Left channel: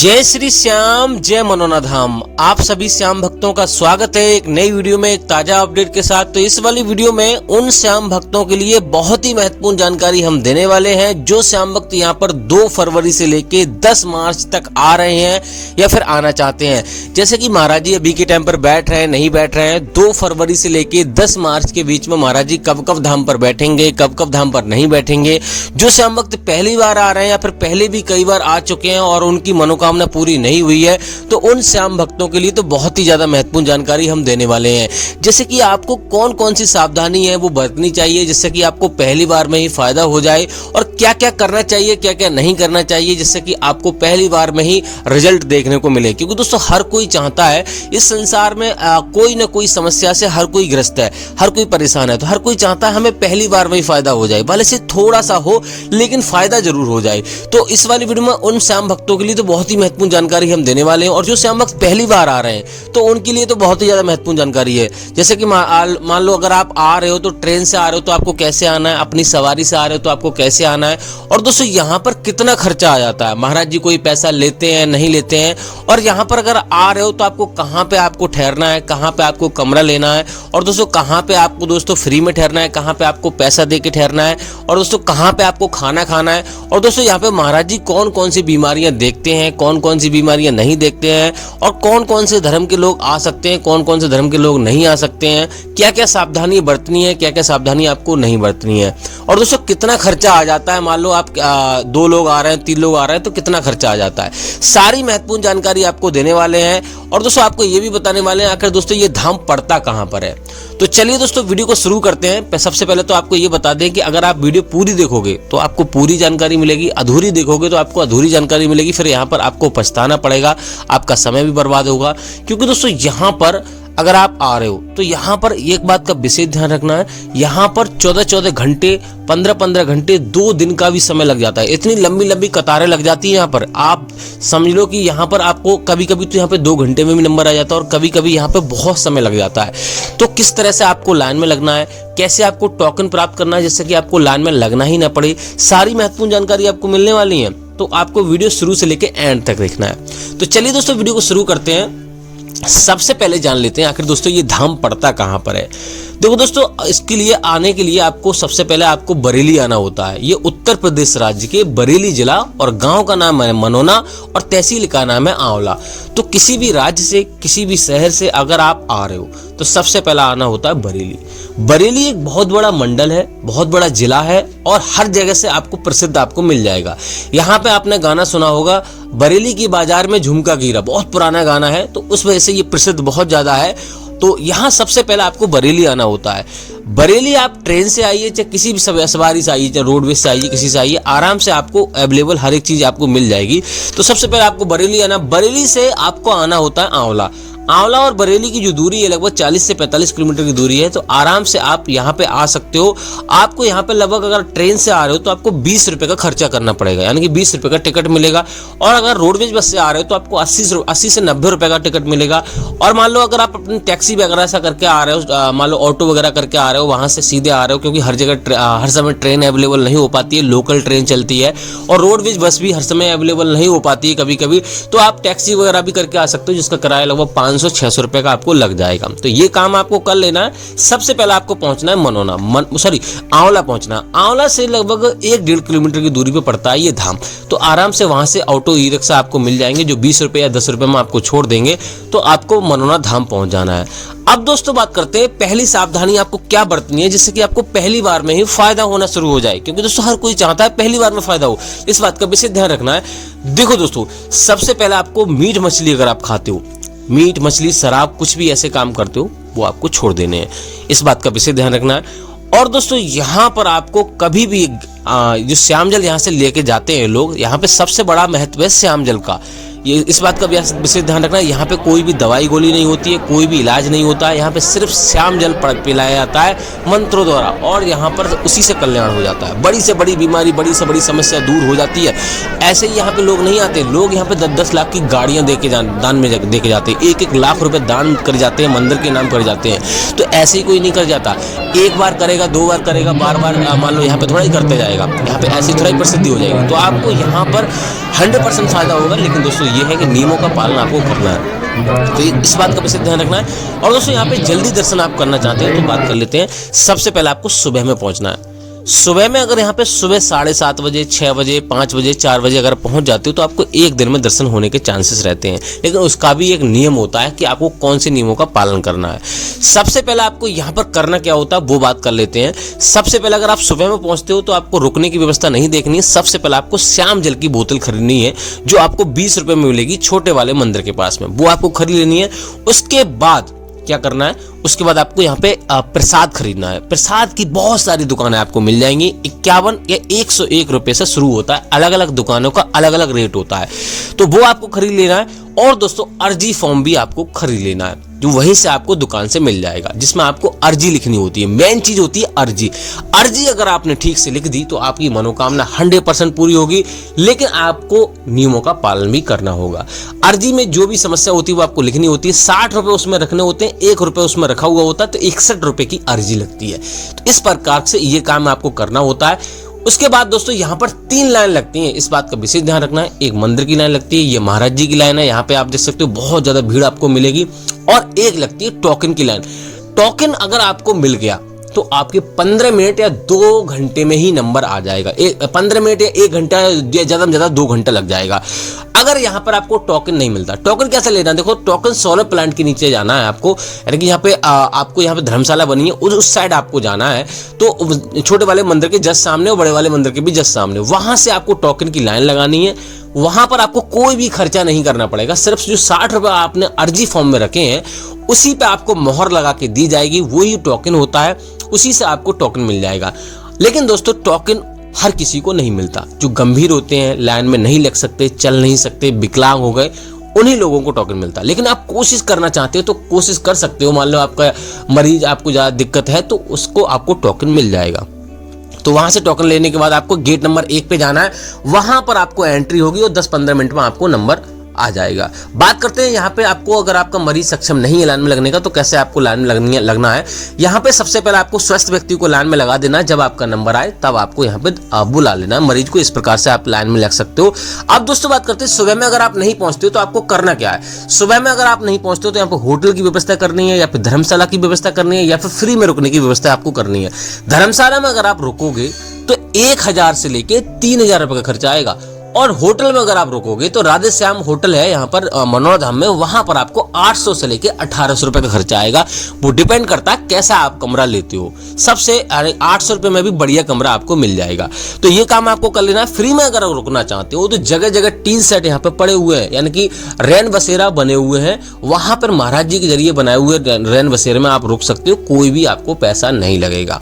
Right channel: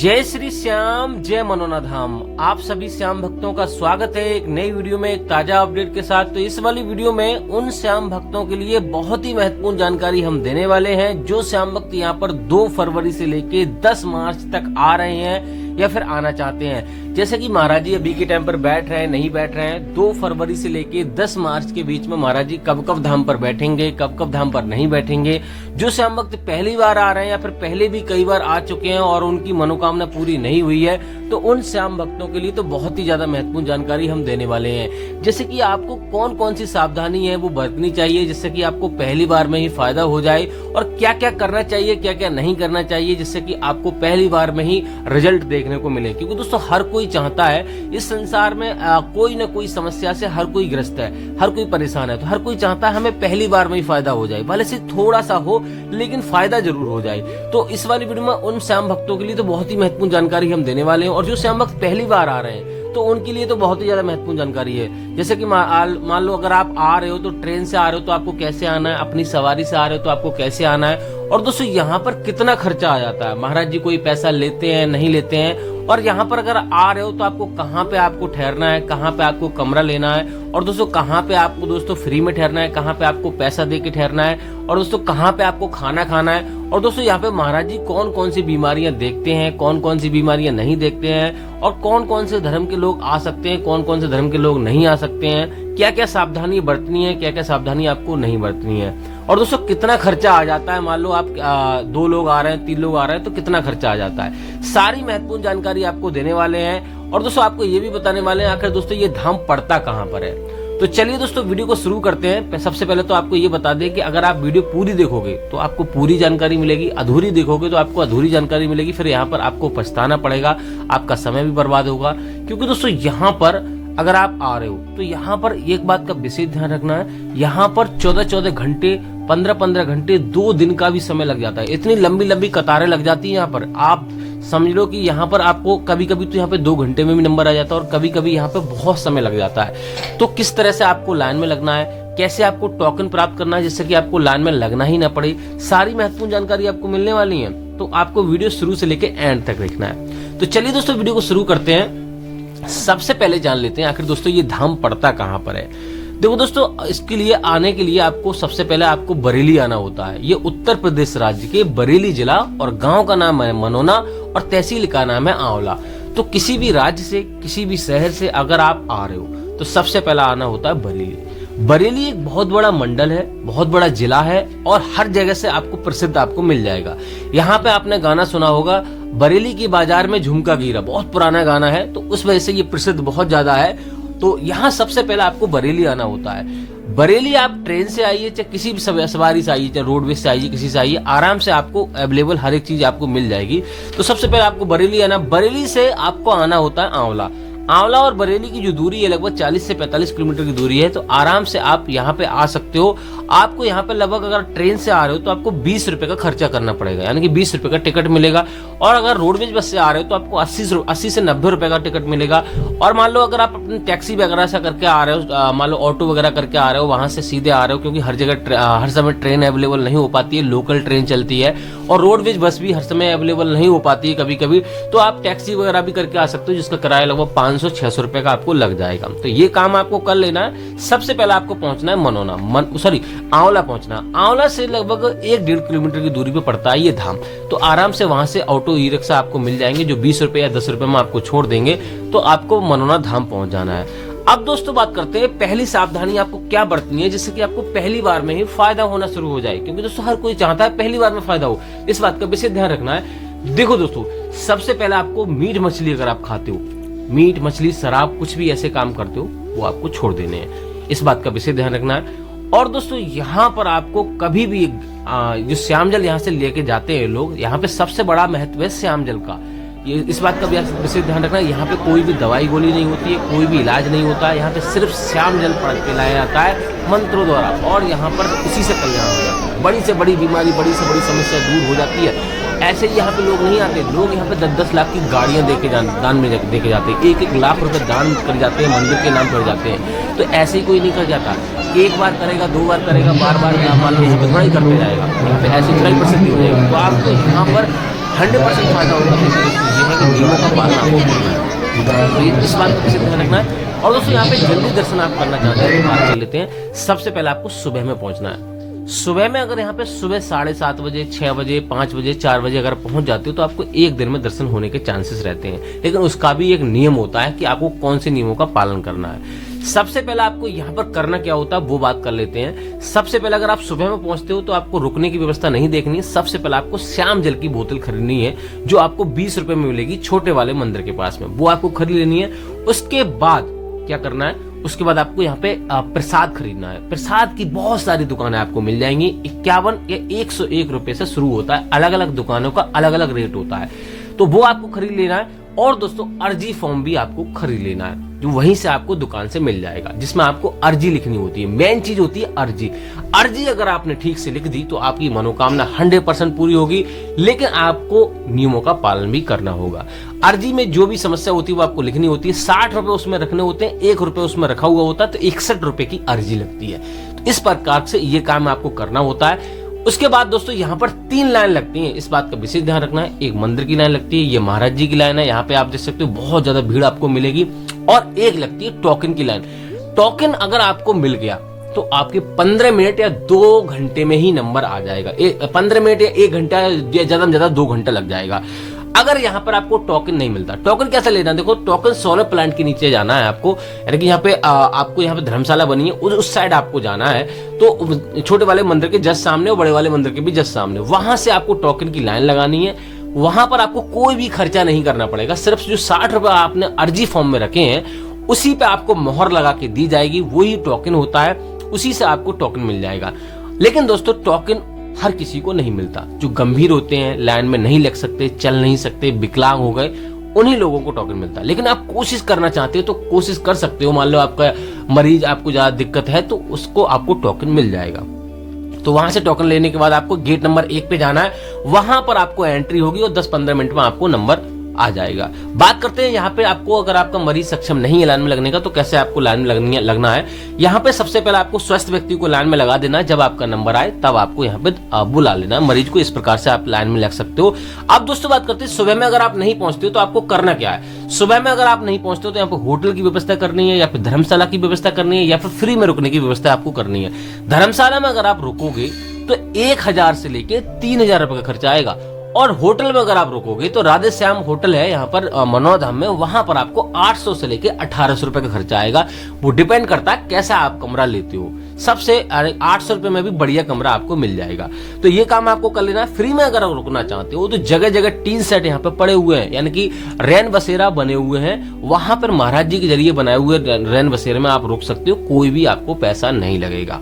जय श्री श्याम, जय मनोना धाम। आप सभी श्याम भक्तों का स्वागत है एक नई वीडियो में, एक ताजा अपडेट के साथ। तो इस वाली वीडियो में उन श्याम भक्तों के लिए बहुत ही महत्वपूर्ण जानकारी हम देने वाले हैं जो श्याम भक्त यहाँ पर 2 फरवरी से लेके 10 मार्च तक आ रहे हैं या फिर आना चाहते हैं। जैसे कि महाराज जी अभी के टाइम पर बैठ रहे हैं, नहीं बैठ रहे हैं, 2 फरवरी से लेके 10 मार्च के बीच में महाराज जी कब कब धाम पर बैठेंगे, कब कब धाम पर नहीं बैठेंगे। जो श्याम भक्त पहली बार आ रहे हैं या फिर पहले भी कई बार आ चुके हैं और उनकी मनोकामना पूरी नहीं हुई है, तो उन श्याम भक्तों के लिए तो बहुत ही ज्यादा महत्वपूर्ण जानकारी हम देने वाले हैं। जैसे कि आपको कौन कौन सी सावधानी है वो बरतनी चाहिए जिससे कि आपको पहली बार में ही फायदा हो जाए, और क्या क्या करना चाहिए, क्या क्या नहीं करना चाहिए जिससे कि आपको पहली बार में ही रिजल्ट देखने को मिले। क्योंकि दोस्तों हर कोई चाहता है, इस संसार में कोई ना कोई समस्या से हर कोई ग्रस्त है, हर कोई परेशान है, तो हर कोई चाहता है हमें पहली बार में ही फायदा हो जाए, भले से थोड़ा सा हो लेकिन फायदा जरूर हो जाए। तो इस वाली वीडियो में उन श्याम भक्तों के लिए तो बहुत ही महत्वपूर्ण जानकारी हम देने वाले हैं, और जो श्याम भक्त पहली बार आ रहे हैं तो उनके लिए तो बहुत ही ज्यादा महत्वपूर्ण जानकारी है। जैसे कि मान लो अगर आप आ रहे हो तो ट्रेन से आ रहे हो तो आपको कैसे आना है, अपनी सवारी से आ रहे हो तो आपको कैसे आना है, और दोस्तों यहाँ पर कितना खर्चा आ जाता है, महाराज जी कोई पैसा लेते हैं नहीं लेते हैं, और यहाँ पर अगर आ रहे हो तो आपको कहाँ पे आपको ठहरना है, कहाँ पे आपको कमरा लेना है, और दोस्तों कहाँ पे आपको दोस्तों फ्री में ठहरना है, कहाँ पे आपको पैसा दे के ठहरना है, और दोस्तों कहाँ पे आपको खाना खाना है, और दोस्तों यहाँ पे महाराज जी कौन कौन सी बीमारियां देखते हैं, कौन कौन सी बीमारियां नहीं देखते हैं, और कौन कौन से धर्म के लोग आ सकते हैं, कौन कौन से धर्म के लोग नहीं आ सकते हैं, क्या क्या सावधानी बरतनी है, क्या क्या सावधानी आपको नहीं बरतनी है, और दोस्तों कितना खर्चा आ जाता है। मान लो आप 2 लोग आ रहे हैं, 3 लोग आ रहे हैं तो कितना खर्चा आ जाता है, सारी महत्वपूर्ण जानकारी आपको देने वाले हैं। और दोस्तों आपको ये भी बताने वाले हैं आखिर दोस्तों ये धाम पड़ता कहाँ पर है। तो चलिए दोस्तों वीडियो को शुरू करते हैं। सबसे पहले तो आपको ये बता दें कि अगर आप वीडियो पूरी देखोगे तो आपको पूरी जानकारी मिलेगी, अधूरी देखोगे तो आपको अधूरी जानकारी मिलेगी, फिर यहाँ पर आपको पछताना पड़ेगा, आपका समय भी बर्बाद होगा। क्योंकि दोस्तों यहाँ पर अगर आप आ रहे हो तो यहाँ पर एक बात का विशेष ध्यान रखना है, यहाँ पर 14-14 घंटे, 15-15 घंटे, 2 दिन का भी समय लग जाता है। इतनी लंबी लंबी कतारें लग जाती है यहाँ पर। आप समझ लो कि यहाँ पर आपको कभी कभी तो यहाँ पे 2 घंटे में भी नंबर आ जाता है, और कभी कभी यहाँ पे बहुत समय लग जाता है। तो किस तरह से आपको लाइन में लगना है, कैसे आपको टोकन प्राप्त करना है जिससे कि आपको लाइन में लगना ही ना पड़े, सारी महत्वपूर्ण जानकारी आपको मिलने वाली है। तो आपको वीडियो शुरू से लेकर एंड तक देखना है। तो चलिए दोस्तों वीडियो को शुरू करते हैं। सबसे पहले जान लेते हैं आखिर दोस्तों ये धाम पड़ता कहाँ पर है। देखो दोस्तों, इसके लिए आने के लिए आपको सबसे पहले आपको बरेली आना होता है। ये उत्तर प्रदेश राज्य के बरेली जिला, और गांव का नाम है मनोना, और तहसील का नाम है आंवला। तो किसी भी राज्य से, किसी भी शहर से अगर आप आ रहे हो तो सबसे पहला आना होता है बरेली। बरेली एक बहुत बड़ा मंडल है, बहुत बड़ा जिला है, और हर जगह से आपको प्रसिद्ध आपको मिल जाएगा। यहाँ पे आपने गाना सुना होगा, बरेली की बाजार में झुमका गिरा, बहुत पुराना गाना है, तो उस वजह से ये प्रसिद्ध बहुत ज्यादा है। तो यहाँ सबसे पहले आपको बरेली आना होता है। बरेली आप ट्रेन से आइए, चाहे किसी भी सवारी से आइए, चाहे रोडवेज से आइए, किसी से आइए, आराम से आपको अवेलेबल हर एक चीज आपको मिल जाएगी। तो सबसे पहले आपको बरेली आना, बरेली से आपको आना होता है आंवला। आंवला और बरेली की जो दूरी है लगभग 40 से 45 किलोमीटर की दूरी है। तो आराम से आप यहाँ पे आ सकते हो। आपको यहाँ पे लगभग अगर ट्रेन से आ रहे हो तो आपको 20 रुपए का खर्चा करना पड़ेगा, यानी कि 20 रुपए का टिकट मिलेगा। और अगर रोडवेज बस से आ रहे हो तो आपको 80 से 90 रुपए का टिकट मिलेगा। और मान लो अगर आप अपनी टैक्सी वगैरह ऐसा करके आ रहे हो, मान लो ऑटो वगैरह करके आ रहे हो, वहां से सीधे आ रहे हो, क्योंकि हर जगह हर समय ट्रेन अवेलेबल नहीं हो पाती है, लोकल ट्रेन चलती है, और रोडवेज बस भी हर समय अवेलेबल नहीं हो पाती है कभी कभी, तो आप टैक्सी वगैरह भी करके आ सकते हो, जिसका किराया लगभग 500-600 रुपए का आपको लग जाएगा। तो ये काम आपको कर लेना है। सबसे पहले आपको पहुंचना है मनोना, आंवला पहुंचना। आंवला से लगभग 1-1.5 किलोमीटर की दूरी पे पड़ता है ये धाम। तो आराम से वहां से ऑटो ई रिक्शा आपको मिल जाएंगे जो 20 रुपए या 10 रुपए में आपको छोड़ देंगे। तो आपको मनोना धाम पहुंच जाना है। अब दोस्तों बात करते हैं पहली सावधानी आपको क्या बरतनी है जिससे कि आपको पहली बार में ही फायदा होना शुरू हो जाए। क्योंकि दोस्तों हर कोई चाहता है पहली बार में फायदा हो, इस बात का विशेष ध्यान रखना है। देखो दोस्तों, सबसे पहले आपको मीट मछली अगर आप खाते हो, मीट मछली शराब कुछ भी ऐसे काम करते हो, वो आपको छोड़ देने हैं, इस बात का विशेष ध्यान रखना है। और दोस्तों यहाँ पर आपको कभी भी जो श्याम जल यहाँ से लेके जाते हैं लोग, यहाँ पे सबसे बड़ा महत्व है श्याम जल का। ये इस बात का विशेष ध्यान रखना है, यहाँ पे कोई भी दवाई गोली नहीं होती है, कोई भी इलाज नहीं होता है, यहाँ पे सिर्फ श्याम जल पिलाया जाता है मंत्रों द्वारा, और यहाँ पर उसी से कल्याण हो जाता है। बड़ी से बड़ी बीमारी, बड़ी से बड़ी समस्या दूर हो जाती है। ऐसे ही यहाँ पे लोग नहीं आते, लोग यहाँ पे 10-10 लाख की गाड़ियाँ दान में दे के जाते हैं, 1-1 लाख रुपए दान कर जाते हैं, मंदिर के नाम कर जाते हैं। तो ऐसे ही कोई नहीं कर जाता, एक बार करेगा, 2 बार करेगा, बार बार मान लो यहाँ पे थोड़ा ही करते जाएगा, यहाँ पे ऐसी थोड़ा ही प्रसिद्धि हो जाएगी। तो आपको यहाँ पर 100% फायदा होगा। लेकिन दोस्तों ये है कि नियमों का पालन आपको करना है, तो ये इस बात का विशेष ध्यान रखना है। और दोस्तों यहाँ पे जल्दी दर्शन आप करना चाहते हैं तो बात कर लेते हैं। सबसे पहले आपको सुबह में पहुंचना है। सुबह में अगर यहाँ पे सुबह 7:30 बजे, 6 बजे, 5 बजे, 4 बजे अगर पहुंच जाते हो तो आपको एक दिन में दर्शन होने के चांसेस रहते हैं। लेकिन उसका भी एक नियम होता है कि आपको कौन से नियमों का पालन करना है। सबसे पहले आपको यहाँ पर करना क्या होता है वो बात कर लेते हैं। सबसे पहले अगर आप सुबह में पहुंचते हो तो आपको रुकने की व्यवस्था नहीं देखनी है। सबसे पहले आपको श्याम जल की बोतल खरीदनी है, जो आपको 20 रुपए में मिलेगी छोटे वाले मंदिर के पास में, वो आपको खरीद लेनी है। उसके बाद क्या करना है, उसके बाद आपको यहाँ पे प्रसाद खरीदना है। प्रसाद की बहुत सारी दुकानें आपको मिल जाएंगी। 51 या 101 रुपए से शुरू होता है। अलग अलग दुकानों का अलग अलग रेट होता है, तो वो आपको खरीद लेना है। और दोस्तों अर्जी फॉर्म भी आपको खरीद लेना है, जो वहीं से आपको दुकान से मिल जाएगा, जिसमें आपको अर्जी लिखनी होती है। मेन चीज होती है अर्जी। अर्जी अगर आपने ठीक से लिख दी तो आपकी मनोकामना 100% पूरी होगी। लेकिन आपको नियमों का पालन भी करना होगा। अर्जी में जो भी समस्या होती है वो आपको लिखनी होती है। 60 रुपए उसमें रखने होते हैं, 1 रुपए उसमें रखा हुआ होता है, तो 61 रुपए की अर्जी लगती है। तो इस प्रकार से ये काम आपको करना होता है। उसके बाद दोस्तों यहाँ पर 3 लाइन लगती हैं, इस बात का विशेष ध्यान रखना है। एक मंदिर की लाइन लगती है, ये महाराज जी की लाइन है, यहाँ पे आप देख सकते हो बहुत ज्यादा भीड़ आपको मिलेगी। और एक लगती है टोकन की लाइन। टोकन अगर आपको मिल गया तो आपके 15 मिनट या 2 घंटे में ही नंबर आ जाएगा। 15 मिनट या 1 घंटा, ज्यादा में ज्यादा 2 घंटा लग जाएगा। अगर यहाँ पर आपको टोकन नहीं मिलता, टोकन कैसे लेना है, देखो टोकन सोलर प्लांट के नीचे जाना है आपको, यानी कि यहाँ पे आपको यहाँ पे धर्मशाला बनी है, उस साइड आपको जाना है। तो छोटे वाले मंदिर के जस्ट सामने और बड़े वाले मंदिर के भी जस्ट सामने, वहां से आपको टोकन की लाइन लगानी है। वहां पर आपको कोई भी खर्चा नहीं करना पड़ेगा। सिर्फ जो 60 रुपए आपने अर्जी फॉर्म में रखे हैं उसी पे आपको मोहर लगा के दी जाएगी, वही टोकन होता है, उसी से आपको टोकन मिल जाएगा। लेकिन दोस्तों टोकन हर किसी को नहीं मिलता। जो गंभीर होते हैं, लाइन में नहीं लग सकते, चल नहीं सकते, विकलांग हो गए, उन्हीं लोगों को टोकन मिलता है। लेकिन आप कोशिश करना चाहते हो तो कोशिश कर सकते हो। मान लो आपका मरीज, आपको ज्यादा दिक्कत है तो उसको आपको टोकन मिल जाएगा। तो वहां से टोकन लेने के बाद आपको गेट नंबर 1 पे जाना है। वहां पर आपको एंट्री होगी और 10-15 मिनट में आपको नंबर आ जाएगा। बात करते हैं यहाँ पे आपको, अगर आपका मरीज सक्षम नहीं है लाइन में लगने का तो कैसे आपको लाइन में लगना है। यहाँ पे सबसे पहले आपको स्वस्थ व्यक्ति को लाइन में लगा देना है। जब आपका नंबर आए तब आपको यहाँ पे बुला लेना है मरीज को। इस प्रकार से आप लाइन में लग सकते हो। अब दोस्तों बात करते हैं सुबह में अगर आप नहीं पहुंचते हो तो आपको करना क्या है। सुबह में अगर आप नहीं पहुंचते हो तो यहाँ पे होटल की व्यवस्था करनी है, या फिर धर्मशाला की व्यवस्था करनी है, या फिर फ्री में रुकने की व्यवस्था आपको करनी है। धर्मशाला में अगर आप रुकोगे तो 1000 से लेके 3000 रुपए का खर्चा आएगा। और होटल में अगर आप रुकोगे तो राधे श्याम होटल है यहाँ पर मनोरा धाम में, वहां पर आपको 800 से लेके 1800 रुपए का खर्चा आएगा। वो डिपेंड करता है कैसा आप कमरा लेते हो। सबसे 800 रुपए में भी बढ़िया कमरा आपको मिल जाएगा। तो ये काम आपको कर लेना है। फ्री में अगर रुकना चाहते हो तो जगह जगह टीन सेट यहाँ पे पड़े हुए हैं, यानी कि रैन बसेरा बने हुए हैं। वहां पर महाराज जी के जरिए बनाए हुए रैन बसेरे में आप रुक सकते हो, कोई भी आपको पैसा नहीं लगेगा।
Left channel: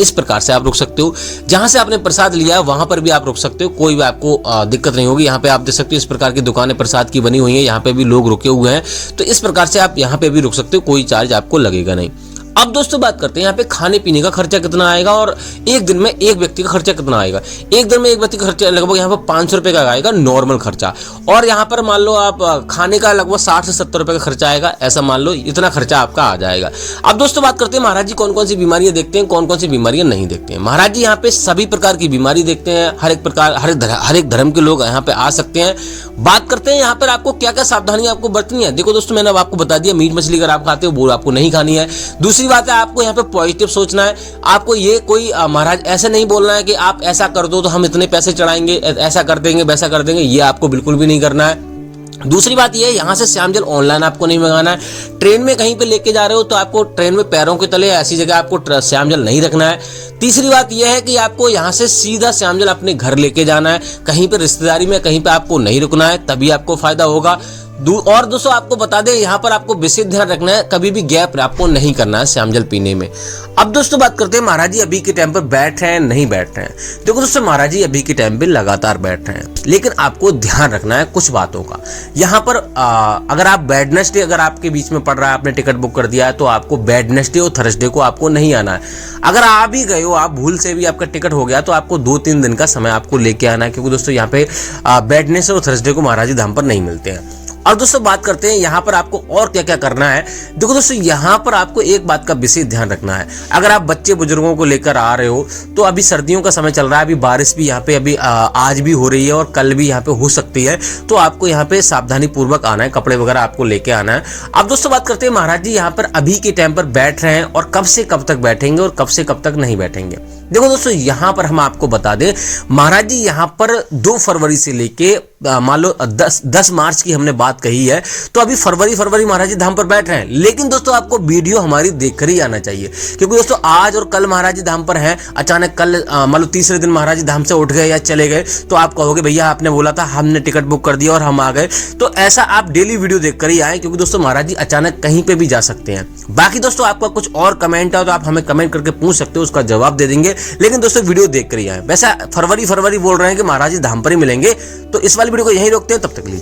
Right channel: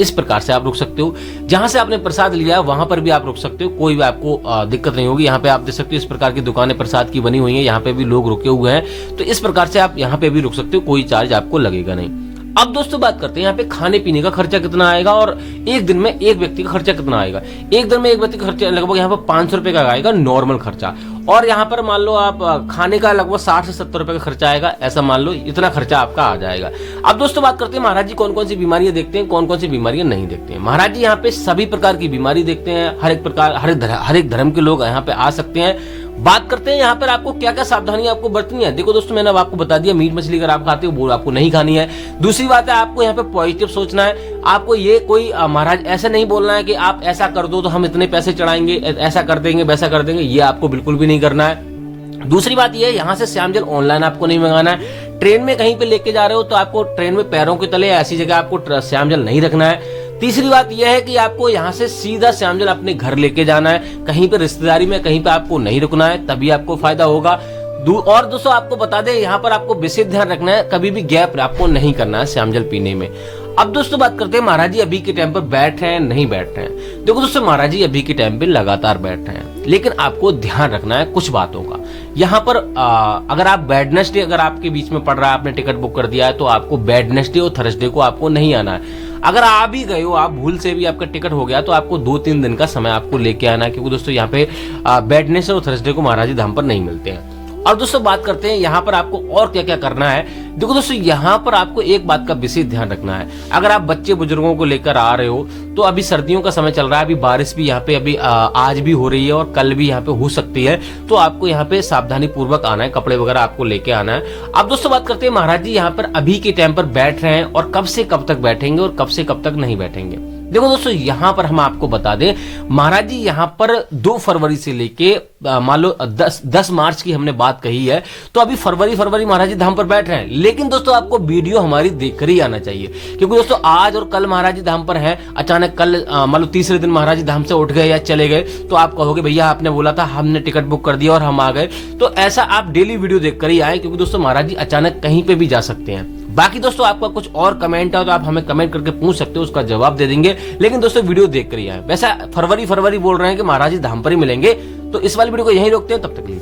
इस प्रकार से आप रुक सकते हो। जहां से आपने प्रसाद लिया वहां पर भी आप रुक सकते हो, कोई भी आपको दिक्कत नहीं होगी। यहाँ पे आप देख सकते हो इस प्रकार की दुकानें प्रसाद की बनी हुई हैं, यहाँ पे भी लोग रुके हुए हैं। तो इस प्रकार से आप यहाँ पे भी रुक सकते हो, कोई चार्ज आपको लगेगा नहीं। अब दोस्तों बात करते हैं यहाँ पे खाने पीने का खर्चा कितना आएगा और एक दिन में एक व्यक्ति का खर्चा कितना आएगा। एक दिन में एक व्यक्ति का खर्चा लगभग यहाँ पर 500 रुपए का आएगा नॉर्मल खर्चा। और यहाँ पर मान लो आप खाने का लगभग 60 से 70 रुपए का खर्चा आएगा, ऐसा मान लो इतना खर्चा आपका आ जाएगा। अब दोस्तों बात करते हैं महाराज जी कौन कौन सी बीमारियां देखते हैं, कौन कौन सी बीमारियां नहीं देखते हैं। महाराज जी यहाँ पे सभी प्रकार की बीमारी देखते हैं। हर एक प्रकार, हर एक धर्म के लोग यहाँ पे आ सकते हैं। बात करते हैं यहाँ पर आपको क्या क्या सावधानी आपको बरतनी है। देखो दोस्तों मैंने आपको बता दिया, मीट मछली अगर आप खाते हो वो आपको नहीं खानी है। दूसरी बात है आपको यहाँ पे पॉजिटिव सोचना है। आपको ये कोई महाराज ऐसा नहीं बोलना है कि आप ऐसा कर दो तो हम इतने पैसे चढ़ाएंगे, ऐसा कर देंगे, वैसा कर देंगे, ये आपको बिल्कुल भी नहीं करना है। दूसरी बात यह है यहाँ से श्याम जल ऑनलाइन आपको नहीं मंगाना है। ट्रेन में कहीं पे लेके जा रहे हो तो आपको ट्रेन में पैरों के तले ऐसी जगह आपको श्याम जल नहीं रखना है। तीसरी बात यह है कि आपको यहाँ से सीधा श्याम जल अपने घर लेके जाना है। कहीं पे रिश्तेदारी में कहीं पे आपको नहीं रुकना है, तभी आपको फायदा होगा। और दोस्तों आपको बता दें यहाँ पर आपको विशेष ध्यान रखना है, कभी भी गैप आपको नहीं करना है श्याम जल पीने में। अब दोस्तों बात करते हैं महाराज जी अभी के टाइम पर बैठ रहे हैं नहीं बैठ रहे हैं। देखो दोस्तों महाराज जी अभी के टाइम पे लगातार बैठ रहे हैं, लेकिन आपको ध्यान रखना है कुछ बातों का। यहाँ पर अगर आप वेडनेसडे अगर आपके बीच में पड़ रहा है, आपने टिकट बुक कर दिया है, तो आपको वेडनेसडे और थर्सडे को आपको नहीं आना है। अगर आ भी गए हो, आप भूल से भी आपका टिकट हो गया, तो आपको 2-3 दिन का समय आपको लेके आना है, क्योंकि दोस्तों यहाँ पे वेडनेसडे और थर्सडे को महाराज जी धाम पर नहीं मिलते हैं। और दोस्तों बात करते हैं यहाँ पर आपको और क्या क्या करना है। देखो दोस्तों, यहाँ पर आपको एक बात का विशेष ध्यान रखना है। अगर आप बच्चे बुजुर्गों को लेकर आ रहे हो तो अभी सर्दियों का समय चल रहा है, अभी बारिश भी यहाँ पे अभी आज भी हो रही है और कल भी यहाँ पे हो सकती है, तो आपको यहाँ पे सावधानी पूर्वक आना है, कपड़े वगैरह आपको लेके आना है। अब दोस्तों बात करते हैं महाराज जी यहाँ पर अभी के टाइम पर बैठ रहे हैं और कब से कब तक बैठेंगे और कब से कब तक नहीं बैठेंगे। देखो दोस्तों, यहाँ पर हम आपको बता दें, महाराज जी यहाँ पर 2 फरवरी से लेके मान लो 10 मार्च की हमने बात कही है, तो अभी फरवरी महाराज जी धाम पर बैठ रहे हैं। लेकिन दोस्तों आपको वीडियो हमारी देखकर ही आना चाहिए, क्योंकि दोस्तों आज और कल महाराज जी धाम पर हैं, अचानक कल मान लो तीसरे दिन महाराज जी धाम से उठ गए या चले गए, तो आप कहोगे भैया आपने बोला था, हमने टिकट बुक कर दिया और हम आ गए। तो ऐसा आप डेली वीडियो देखकर ही आए, क्योंकि दोस्तों महाराज जी अचानक कहीं पे भी जा सकते हैं। बाकी दोस्तों आपका कुछ और कमेंट है तो आप हमें कमेंट करके पूछ सकते हो, उसका जवाब दे देंगे। लेकिन दोस्तों वीडियो देख कर ही आए। वैसा फरवरी बोल रहे हैं कि महाराज जी धाम पर ही मिलेंगे। तो इस वाली वीडियो को यहीं रोकते हैं, तब तक के लिए।